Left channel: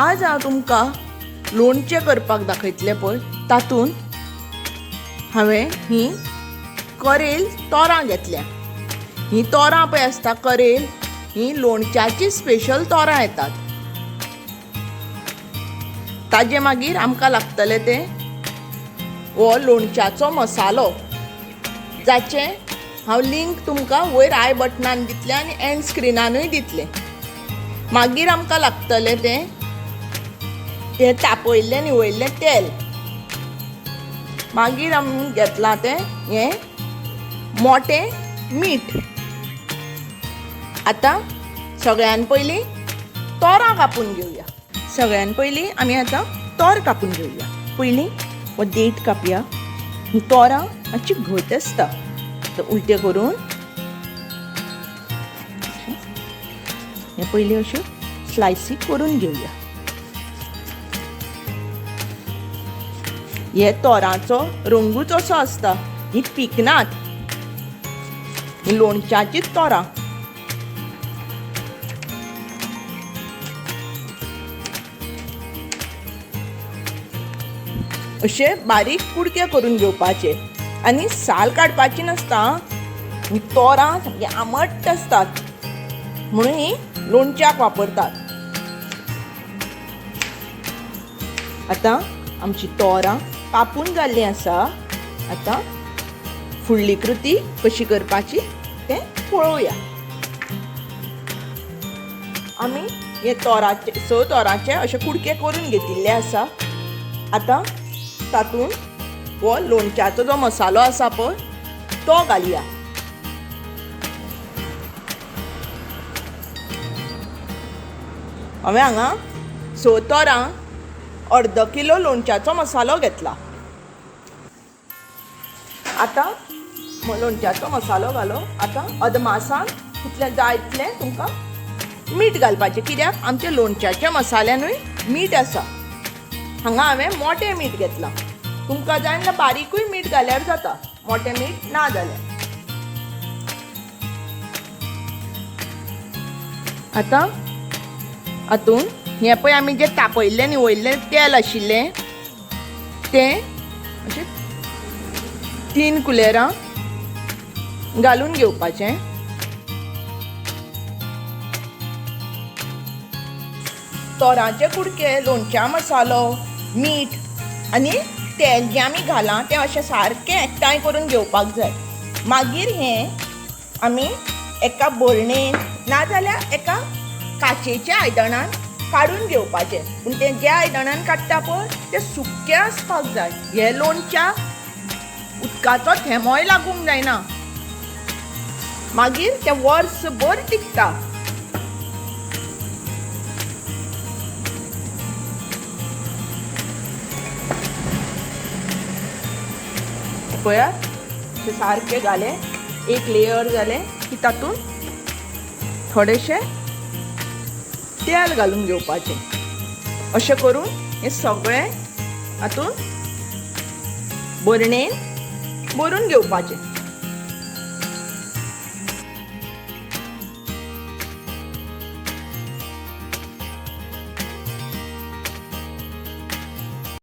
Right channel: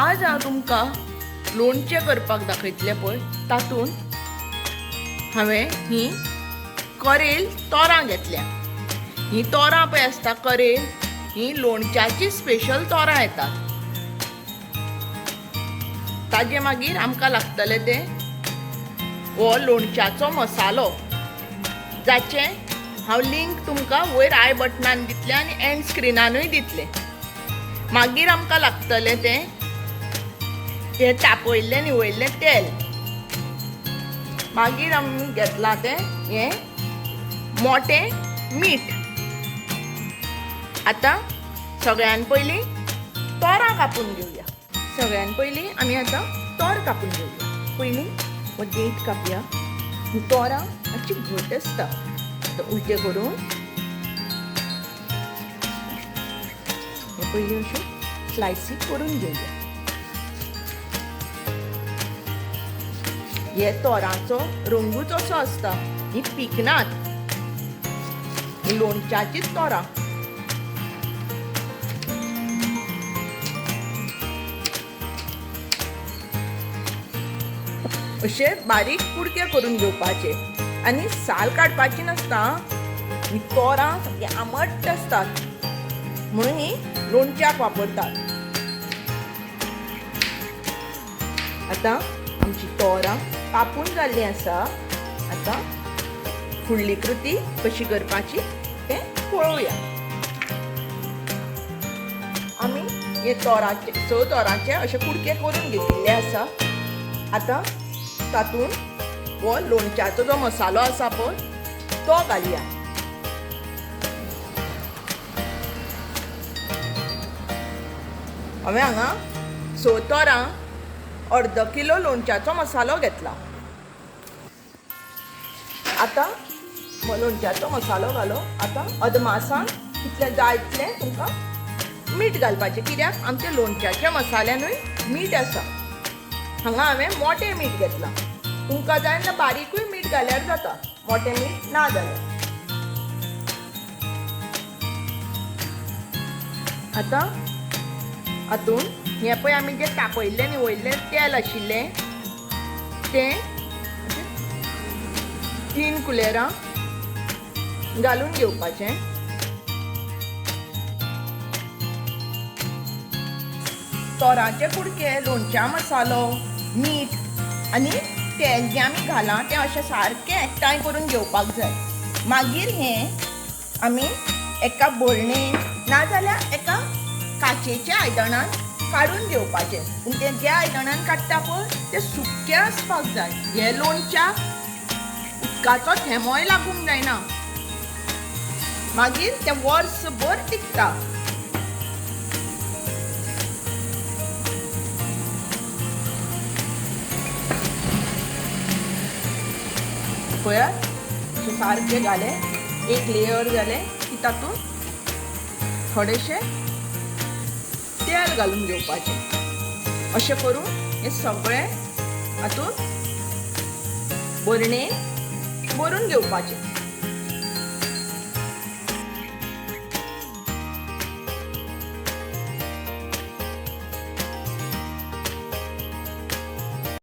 आज हांव तुमकां लोणचें करपाक दाखयतलें पळय तातूंत हांवें ही करेल तोरां घेतल्या. ही तोरां पळय आसता करेल ही लोणच्याची स्पेशल तोरां येतात. ताजे मागीर आमकां लागतले ते हो लोणच्याचो मसालो जाचे हांव लिंक तुमकां वयर आय बटनान दितलें आनी एंड स्क्रिनानूय दितलें. मागीर आमकां लागतलें हे तापयल्लें निवळिल्लें तेल. मागीर आमी घेतलां हे मोटें मीठ. आतां सगळ्यान पयलीं तोरां कापून घेवया. सगळ्यान पयलीं आमी आतां तोर कापून घेवया. पयलीं हो देठ कापया. ही तोरां मातशी घट आसता. उलटे करून हे पयलीं अश्यो स्लायसी करून घेवया. हे तोरांचो रंगूच असो आसता. ही पिकनात. ही लोणच्याचीच तोरां. अशे बारीक कुडके करून घेवपाचे आनी साल काडपाची नासता. ही तोरां सामकी आंबट आसतात म्हणून ही लोणच्याक वापरतात. आतां आमची तोरां कापून जाल्लीं आसा. आतां फुडली कृती कशी करपाची तें पळोवया. आमी हे तोरांचे अशे कुडके करून घेतिल्ले आसा. आतां तातूंत हो लोणच्याचो जो मसालो आसा पळय तो घालया. हांवें हांगा 6 तोरां अर्द किलो लोणच्याचो मसालो घेतला. आतां लोणच्याचो मसालो घालो. आतां अदमासान कितलें जाय तितलें तुमकां मीठ घालपाचें. कित्याक आमच्या लोणच्याच्या मसाल्यानूय मीठ आसा. हांगा हांवें मोटें मीठ घेतलां. तुमकां जाय जाल्यार बारीकूय मीठ घाल्यार जाता. मोटें मीठ ना जाल्यार. आतां हातूंत हें पळय आमी जें तापयल्लें निवळिल्लें तेल आशिल्लें तें 3 कुलेरां घालून घेवपाचें. तोरांचे कुडके, लोणच्या मसालो, मीठ आनी तेल जें आमी घालां तें अशें सारकें एकठांय करून घेवपाक जाय. मागीर हें आमी एका भरणेन नाजाल्यार एका काचेच्या आयदनान काडून घेवपाचें. पूण तें ज्या आयदनान काडटा पळय तें सुकें आसपाक जाय. हें लोणच्याक उदकाचो थेंबोय लागूंक जायना. मागीर तें वर्सभर टिकता. पळयात सारकें घालें. एक लेयर जालें की तातूंत थोडेशें तेल घालून घेवपाचें. अशें करून हें सगळें हातूंत भरणेन भरून घेवपाचें.